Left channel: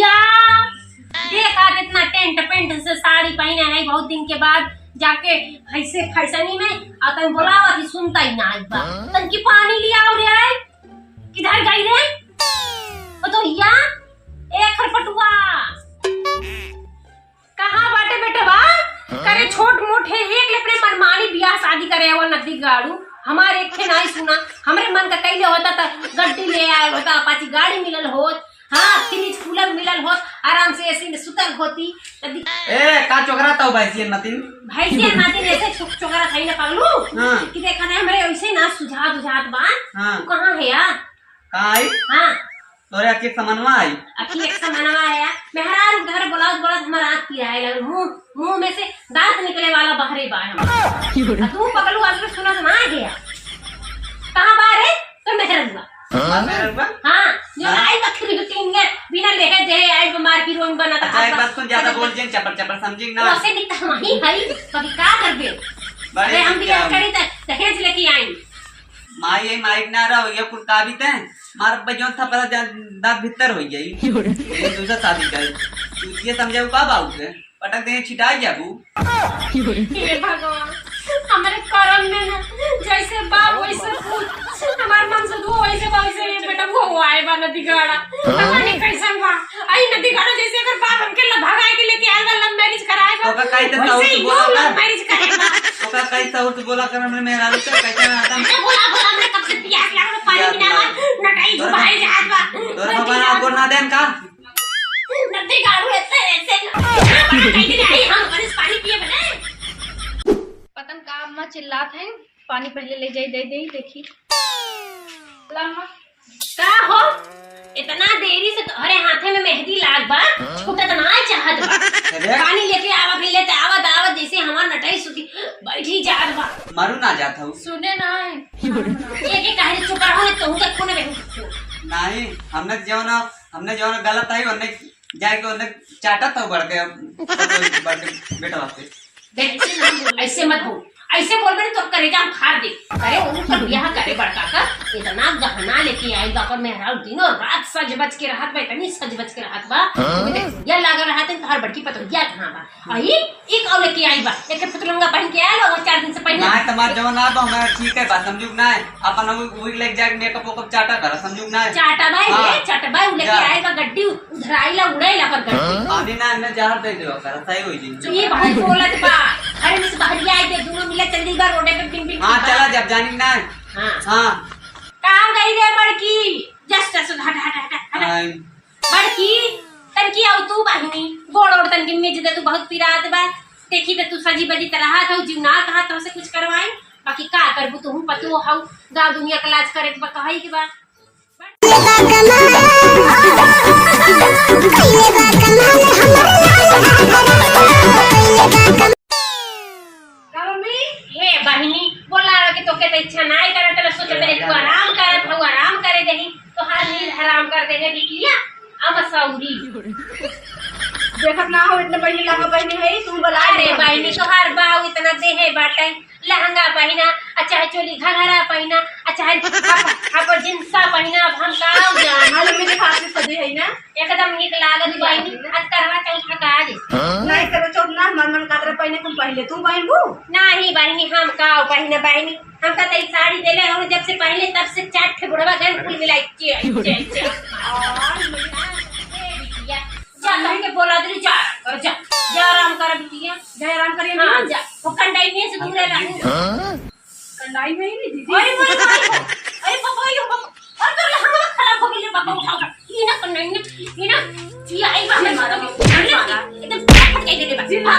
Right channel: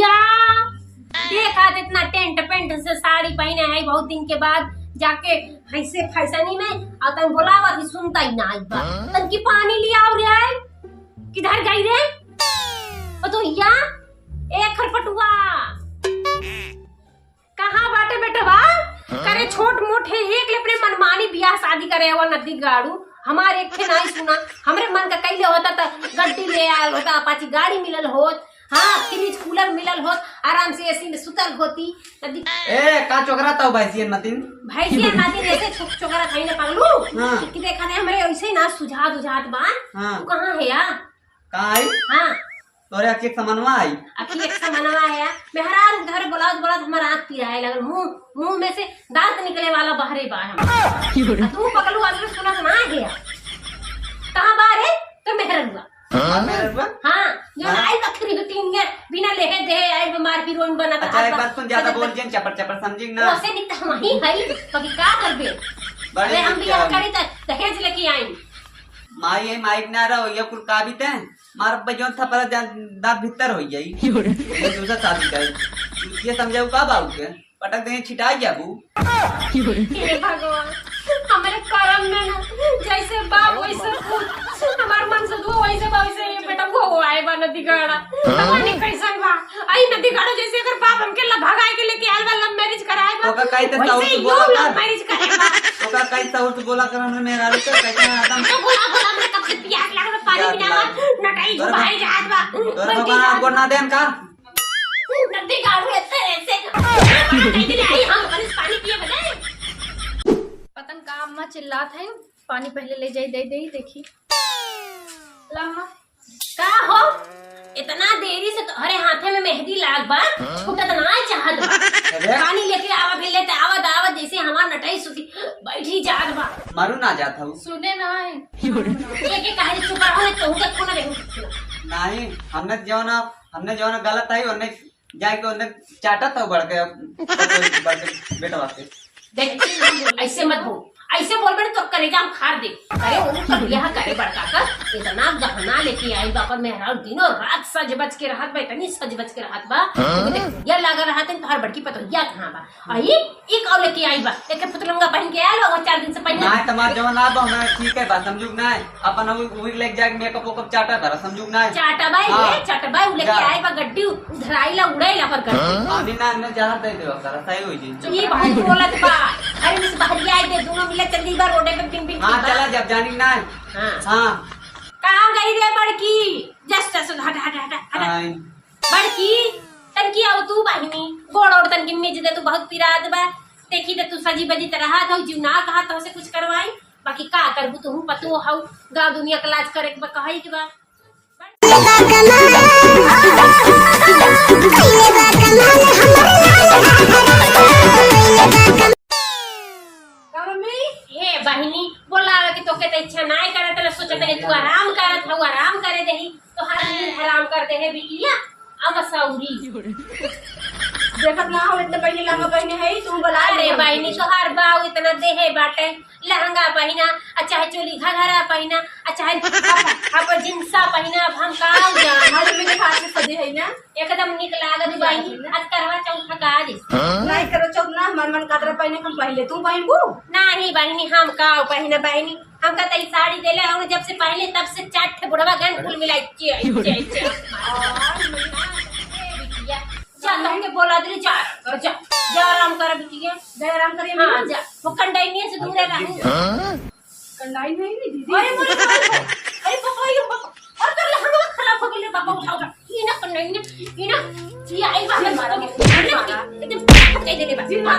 भैया देखा कितना टेंट पेंट से साड़ी पहने है बहुत दिन के बाद जाके ऐसे फैसनी में आता बोलावा थी सुनता ही ना एक बार तन की पानी लिया और रे किधर गई रे ओ तो या एक खरपटुआ कहाँ बाटे बेटवा करे छोट मोटे एक अपने मनमानी बियाह शादी करे वो नदी गाड़ू हमारे एक नहीं सुना हमरे मन का कैले होता था गड्डी ले आए होता अपाची गाड़ी मिलल होत हाँ फ्रिज कूलर मिलल होत आराम से एसी में सुतल होती नदी ए का चोकरा तो भैंसियन मतिन ऐसे चोकरा खाई ना पालू कि देखा नहीं हमरे ऐसे ना सुझात बा तू कहां है यार कहां आई हां तोरे अके समनवा आई अके एक समनवा आया मेहरार घर बोला हमारा आंख पिराए लगे मुंह में से दांत निकले वाला बाहरे बा हम तू पकड़ू आज सुना ना गया कहां बाहर है तो मेहरबा हां जो आई बकरी तीन के बिना लेहे दे आई बीमार की रोन बना अच्छा एक बात सुन ज्यादा बोल जन चपर समझी ना वैसे नहीं तो हम ही भाई कभी का कर दे अरे हम भी करी त दहेज लेके आई माई माइक ना रहो ये कुल का भी ते मार बजोन था पर दांत भीतर हो गई दूसरा शादी कर ये समझाऊ का बाबू के पटक दे छिटा गया बू हे भगवान हमारे करम में ना जैसे बाप वैसे हमारे मन से दो वैसे ये बेटा वो आए बा नदी गाड़ा पता नहीं कैसा बा आई नदी गाड़ा जैसे अगर बाप हमके ला भगाए के लेके आए बा लव मैरिज कराए बा ओका काई ते ताऊ तू बोला लव मैरिज कराए बा ओका काई ताऊ तू बोला कर हमने मेरा तो कैसे आदम बोला मैं कब से प्यास लग रहा पानी पीना नटाई घुमाई जात बा तोर बाबा को ना देन का नदी गाड़ू ऐसे हम पानी पिए बने पतन का अम्मा चिल्लात है पानी पहले ले जाई दे देखी लम्मा का हो इतना देरी से तोहरे हाथे में मेहंदी लाग बा छूटा तो ना चाहत बा पानी लेके आवत ले ते आवत जैसे हमार नटाई सुखी बैठी जात बा मारू ना जात हूं सुने ना है ये काहे चुप रहो तो तक कोने रहू नहीं हमने जो ना गलत आई उन्ने जाके उन्ने चाटा तो बढ़ के बेटा वास्ते देख ऐसे मत बोल ऐसे बोल बने तो करेगा हम खार दे अरे उनका ब्याह करे बड़का का इतना गहना लेके आई बा पर मेहरा दिनों रात सज बज के रहत बा इतनी सज बज के रहत बा ये लग रहा है हर बड़की पतोहिया कहां बा आई एक और लेके आई बा एक पतलंगा पहन के आयल और 4 दिन से पहले ना तमार जवन आ बा हमरा ठीक है बात समझू ना अपन वही लेके जाके मेकअप ओकअप चाटा कर समझू ना चाटा बाई लेके आए बा गड्डी उधर आइला उड़ाइला पर गड्डी आदि ना ने जहर दे देव कर सही होई जी ये बहुत बोलत बा अरे मिस बहरिया आई दे दोनों मिले चल दी बार रोडे पे पिन पिन हां चला जब जानी ना हां कहां गई रे बड़की जस्ट हट बड़की तनकी आउ तू बहिनी गोड़ और तनकी निज दे तू बहुत पिरात बा देखी ते तू सजी बजी तरह था जीव ना कहा तो से कुछ करवाई बाकी का करबू तू पतो हाउ गांव दुनिया का लाज करे के कहाई के बा हे बहिनी बोला कि तोके तो इच्छा नहीं करे तो सोचे तेरे तू आराम करे देही तो हर दिन हराम कर दे है बिटिया अब सौरी देखत ना हो इतने पहले लहंगा पहने है तू बोला अरे बहिनी तो हर बाऊ इतना देहे बाटे लहंगा पहना अच्छा है चोली घघरा पहना अच्छा है अब जिंसा पहना अब हम का जान हाल में देखा से सजे है ना एकदम निक लागत बहिनी आज करवा चौथ का आज नहीं करो चौथ ना मन कातरे पहने तुम पहले तू पहनबू नहीं बहिनी हम का पहना बहिनी हम का तई साड़ी देले हम जब से पहले तब से 4 ठे बुढ़वा गन फूल मिलाई जा तुमके बोला दे जा आराम कर बिटिया जय आराम करिए हां जा वो कंडाई में से दूर रह कंडाई में ही नहीं दीदी अरे पापा ये पापा और कर हम खराब हो गए पापा उठाओ ये ना कंडाई ने ये ना ये आई बा मारा एकदम फटके दे दे भाग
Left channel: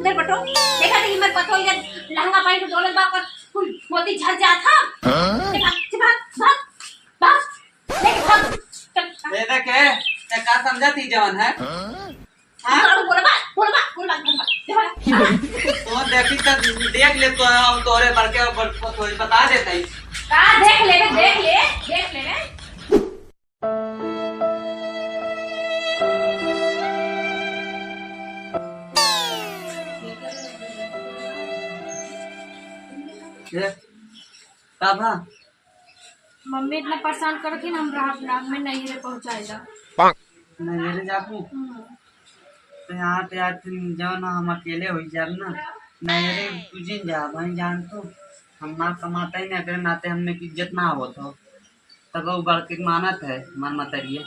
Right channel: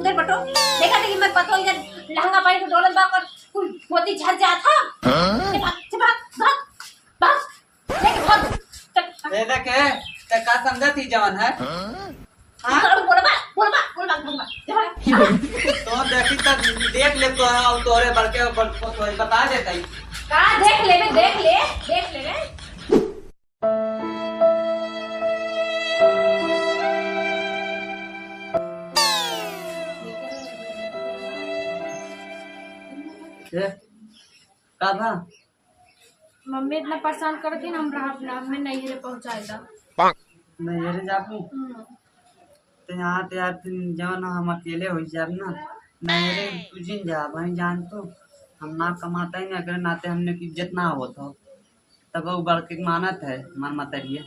उधर बटो देखा देखी मत पतो इधर लहंगा पहन के दौलत बा पर कोई मोती झड़ जा था भाग दे देखे ते का समझती जवन है हां बोलबा तो देखी तक देख ले तो तोरे बड़के बता देता ही का देख ले बाबा मम्मी इतना परेशान करती ना हमरा अपना में नहीं रे पहुँचाए दा। नैहरे जाबू तो यहाँ पे यार तुम जाओ ना, हम अकेले हो जाब ना। नैहरे तुझे जा वहीं जान तो हम ना कमाता ही ना, अगर नाते हमने की इज्जत ना हो तो तब वो बढ़ के मानत है हमार मतरिए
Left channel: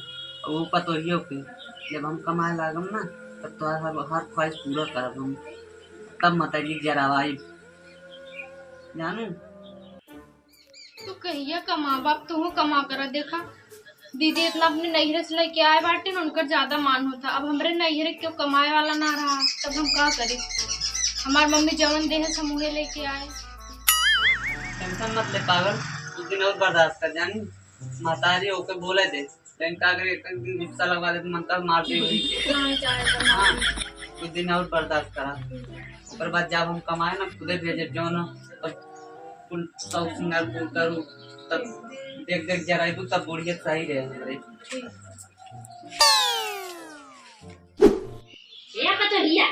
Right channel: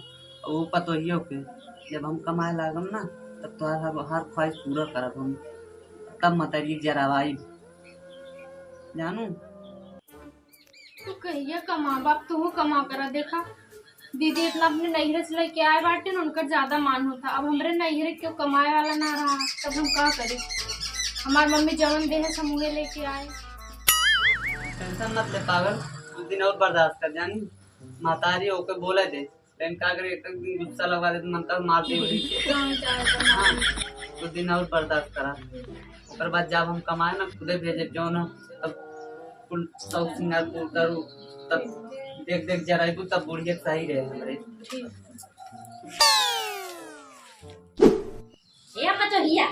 वो पतोहियो के। जब हम कमाए लागम ना तब तो हर ख्वाहिश पूरा करब हम, तब मतरिए जरावाई जानू। तू कहिया कमा बाप तू कमा कर देखा दीदी इतना अपने नैहरे से लेके आए बाटे ना उनका ज्यादा मान होता। अब हमरे नैहरे क्यों कमाए वाला ना रहा तब हम क्या करें। हमार मम्मी जवन देह समूहे लेके आए। टेंशन मत ले पागल, कुछ दिन और बर्दाश्त कर जानी। माताजी होके बोले दे लेकिन का अगर एक दिन गुस्सा लगवा दे तो मन तक मार दे वही के। हाँ, कुछ दिन और बर्दाश्त करा, ओकर बाद जब हम कमाए ना खुदे भेजे जो ना तब कुल सब सिंगार पूर करू तब देख देख जराइबू तब बुढ़िया सही रहे हमारे। ये पतोहिया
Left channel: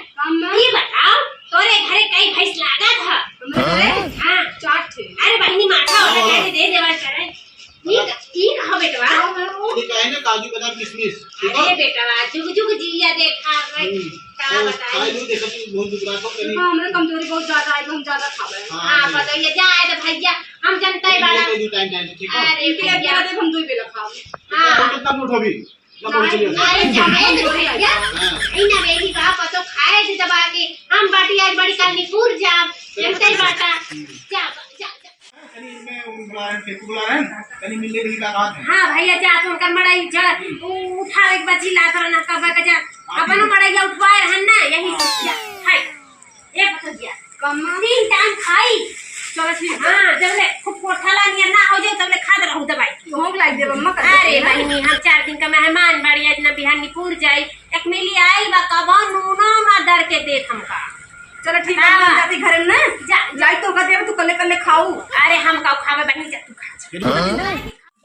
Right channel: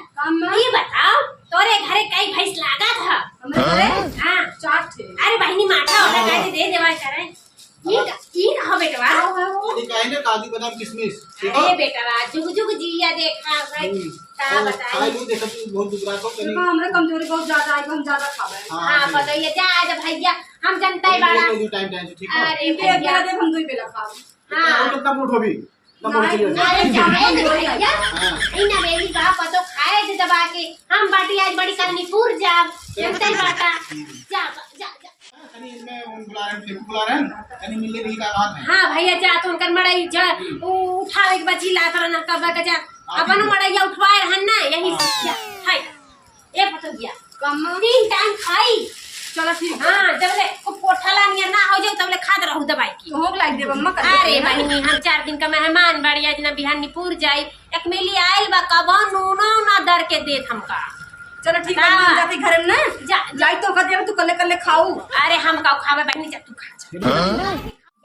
ये बताओ तोरे घरे कई भैंस लागा था? हाँ चार थे। अरे बहनी माथा वाला गाड़ी दे देवा करे। ये कहो बेटवा ये काहे ना काजू बादाम किशमिश ठीक अरे है। बेटवा जुग जुग जिया देखा भाई का बताई। खाई लो देखो कि बहुत दुबरा को करी। हां हमरे कमजोरी बहुत ज्यादा है हम ज्यादा खावे। हां पतोहिया जाए तो भैया हम जनता ही वाला। ये टाइम टाइम से ठीक है। अरे भैया दे हम 2 बेला खावे। तो कितना मूठ होगी ना बोल चलिए। अरे जाए तो भैया हां इना बेली का पतो खाए थे दबा के हम बाटी आज बड़ी करनी पूर जा जनता ही बाटा जा जा कनी इसमें उन बुला रहे हैं टेम्पो बुला रहे हैं कनी मिलने की का बात है। हाँ भैया जा तो उनकर मड़ाई जा उठावे के बची लात रहना कब का जा अपन मड़ाई उठवाए रहन ना यही जा खाई ए पतोहिया कम 3 टाइम खाई। चलो ठीक। हाँ जब ले खूब कोठाला नियर ना हो जाए तब ले खाद रहू दवाई की। भोग लाग दे मम्मा कर। अरे बहनी हम 4 दिन का मेहमान बाड़ी आज ना बिहानी पूर जाई एक मिली आइल बा कबो नूनो ना दर के देत हमका। चलो ठीक है हम जाती घर में ना जा जाई तो कर दे तू कल्ले कल्ले खाऊ। अरे हम का खावे बहनी जा तू खा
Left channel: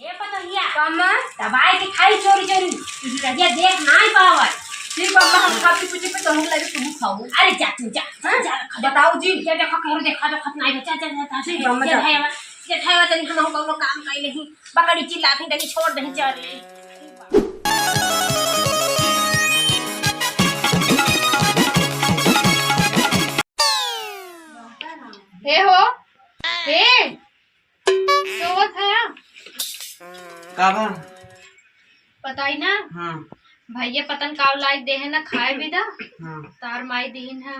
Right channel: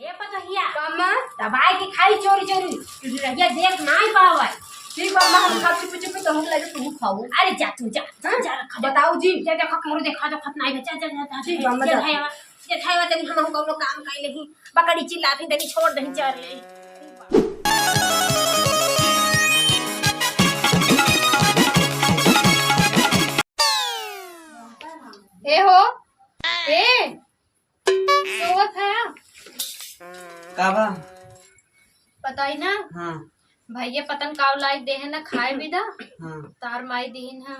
ए पतोहिया कम दवाई के खाई चोरी चोरी तू रहिया देख ना ही पावल। ठीक बाबा हम काफी पूछे पे तो हम लागे तू खाऊ। अरे जा तू जा जा बताओ जी जा देखा करो देखा तो खतना है जा जा जा ठीक है, मजा। जे खावा तनी हम कोनो काम कइले ही बकड़ी चिल्लाती तनी छोड़ दही चल ले। ए हो ए सोत है का बा? बताई ना हाँ भैया पतन काव लाई दे है ना खाए बिदा हाँ तार माई दीन है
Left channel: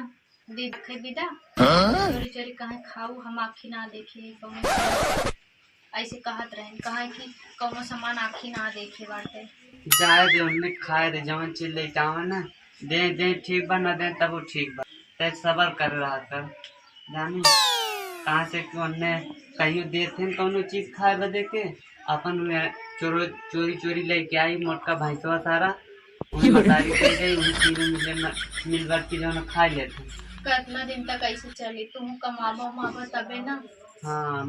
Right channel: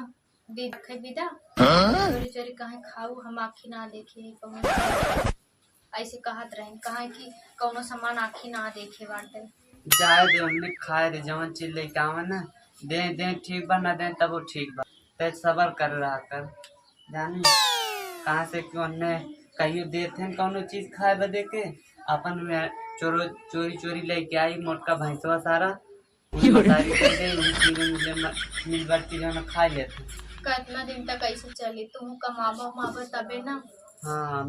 दे रखे बिदा चोरी चोरी कहे खाऊ हम आखी ना देखे कहूँ ऐसे कहत रहे कहा कि कौनो सामान आखी ना देखे बाटे। जाए दे हमने खाए दे जवन चीज लेके आवा ना दे दे ठीक बा ना दे तब वो ठीक बा ते सबर कर रहा कर जानी कहाँ से क्यों ने कहियो देते कौनो चीज खाए बदे के अपन में चोरी चोरी लेके आई मोटका भैंसवा सारा बतारी दे दे मिल बार की जो खा लेते। कितना दिन तक ऐसे चली तुम कमाबो उमाबो तबे ना। हाँ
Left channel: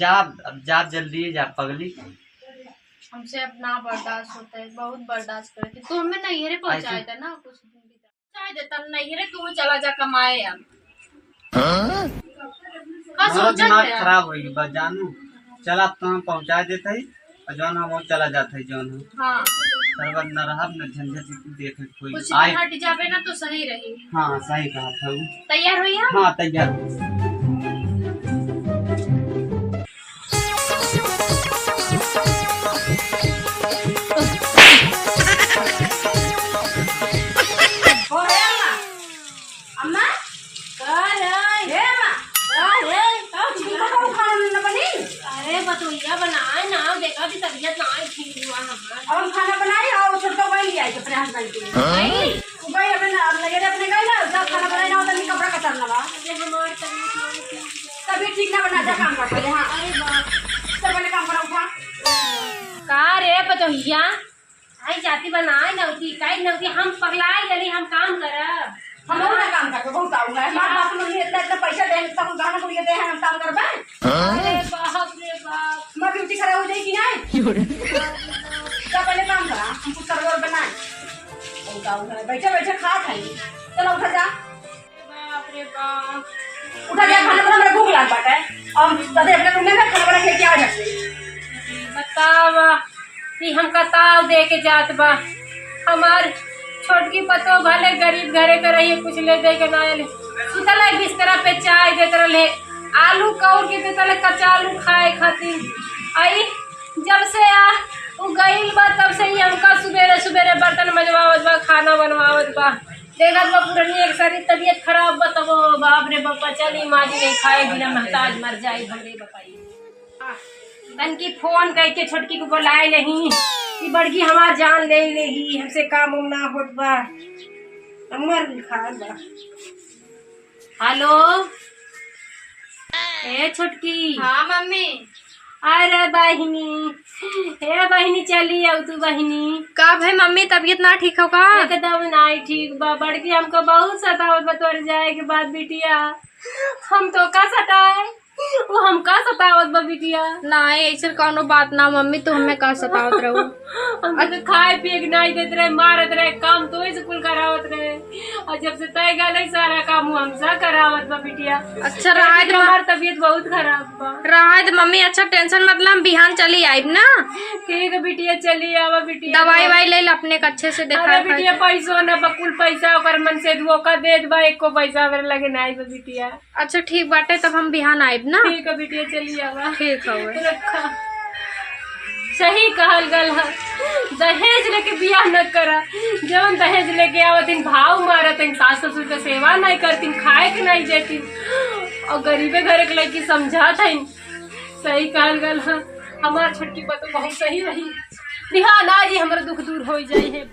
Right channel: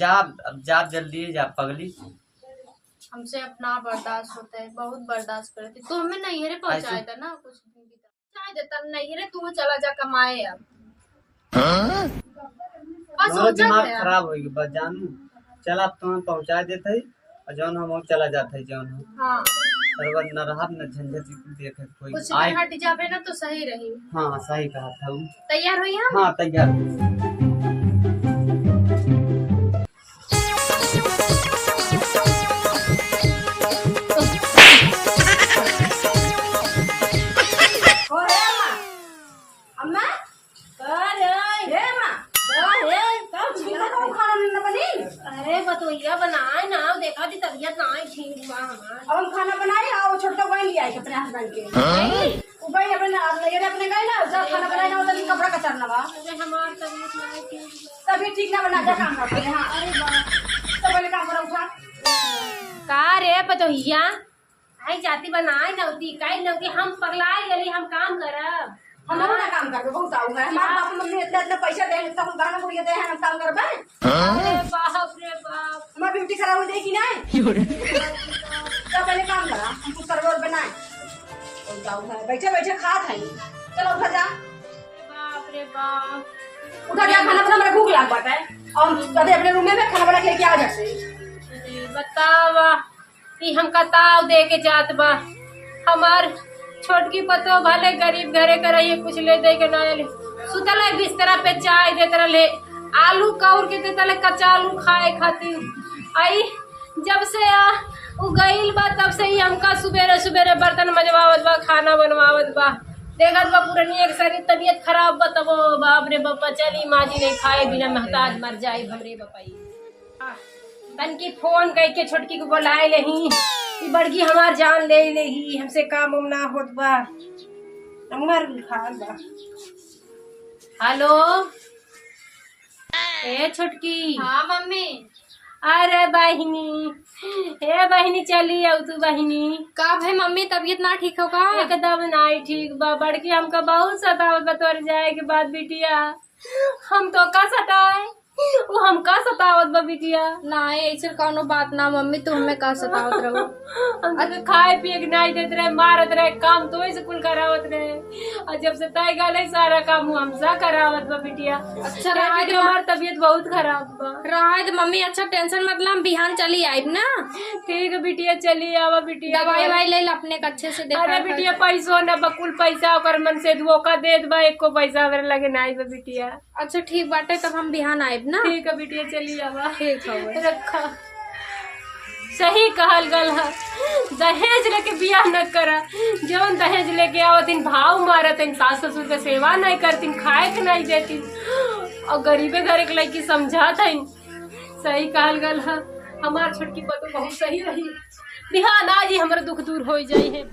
जाब अब जाब जल्दी जा पगली। हमसे अपना बर्दाश्त होता है बहुत बर्दाश्त करती तू हमें नैहरे पहुँचाए थे ना कुछ दिन भी पहुँचाए देता नैहरे तू चला जा कमाए अब। हाँ, हमारा सोचा दिमाग था यार। खराब होगी बस जानू चला तो पहुँचा देते ही और जौन हम चला जाते जौन हम हाँ सरवर न रहा न झंझट देखे कोई कुछ आए। दिन हट जावे ना तो सही रही। हाँ सही कहा था वो। तैयार हुई हम हाँ तैयार। अम्मा अरे बतोइया बनाए ना देखा थी तबीयत ना ठीक हुआ हमारा। अब हम खाना बनाए और छोटका बहन लिया अपने हस्बैंड के वो भाई अपने लगे अपने गए ना जब खाना बनाए ना तो कपड़ा कतरना बा अरे हमार तबीयत ना ठीक तभी ठीक ना बना जा काम करते हैं। हाँ अरे बाप सब पहले काम करा उठा का रे बतोइया आई जाती बनाए नवती काई नवती हम पगलाए गली हम काम करब। हम ना काम करके बहुत आऊंगा हमारे बाप मम्मी इतना इतना पैसा देंगे तो हम गाना को ये दे हम काम करबे। अरे बाप रे बाप हमारी ब्यूटी खराब हो जाएगी नहीं तो पहले काम करा हम कुछ सर्वर बनाए बहुत आऊंगा बैठे बैठे खा खाई चलो उठा जा बाप रे बाप उठा जा खाना बना मेरा भूख लाग बाटा है और कदे अपने रूम में खाना बना के आ जाते कि हमका ताव दे के जात बा। हमार छोटकी पतो भले गरीब घरे के रही कुछ ले दे के ना ले सुतल है बिस्तर पे चाय देते रहे आलू कौर के देते रहे कच्चा आलू खाए खातिर। आई जब से उ गईल बा तब से ही हमका सुबेरे सुबेरे बर्तन मजवावत बा खाना बनवावत बा। देखत बा पुरानी एक सारी तबीयत खराब बा तब बाप रे बापा चली माजी नहीं खाए बिना महताज मर जाए हमरे बपाई। तन की फोन करके छोटकी को बुलाए नहीं कि बड़की हमार जान ले लेगी हमसे काम उम ना होत बा। नंबर लिखा बा। हेलो ए छोटकी। हाँ मम्मी। अरे बहिनी हे बहिनी चली आओ तू बहिनी। का भाई मम्मी तबीयत ना ठीक हो का? एकदम नहीं ठीक बा बड़की हमको बहुत सतावत बा तोर जाए के बाद बिटिया। हम तो का सताए वो हम का सतावत बा बिटिया। नहीं ऐसा कौनो बात ना मम्मी तो हमें का सतावत रहो। हम तो खाए पिए के नहीं देते रहे मारत रहे काम तो से कुल करावत रहे और जब से तय गए सारा काम हमसा करावत बा बिटिया। अच्छा रहा है हमार तबीयत बहुत खराब बा। रहा है मम्मी अच्छा टेंशन मतलब बिहान चली आइब ना। ठीक है बिटिया चली आवा बिटिया। दवाई वाई ले अपने अच्छे से देखा। अरे बिटिया पैसो न बकुल पैसा ओकर मन से धोखा दे बा एको पैसा मेरे लगे नहीं बा बिटिया। अच्छा ठीक बाटे तब हम बिहान आइब ना। ठीक है बिटिया चली आवा। ठीक है रखा सही कहल गल है दहेज लेके बियाह न करा। जौन दहेज लेके आवतिन भाव मारतिन सास ससुर के सेवा नहीं करतीन खाए के नहीं देती और गरीबे घरे के लड़की समझात है। सही कहल गल है हमार छोटकी बतो बहुत सही रही। ध्यान आज ही हमारा दुख दूर हो जाए है।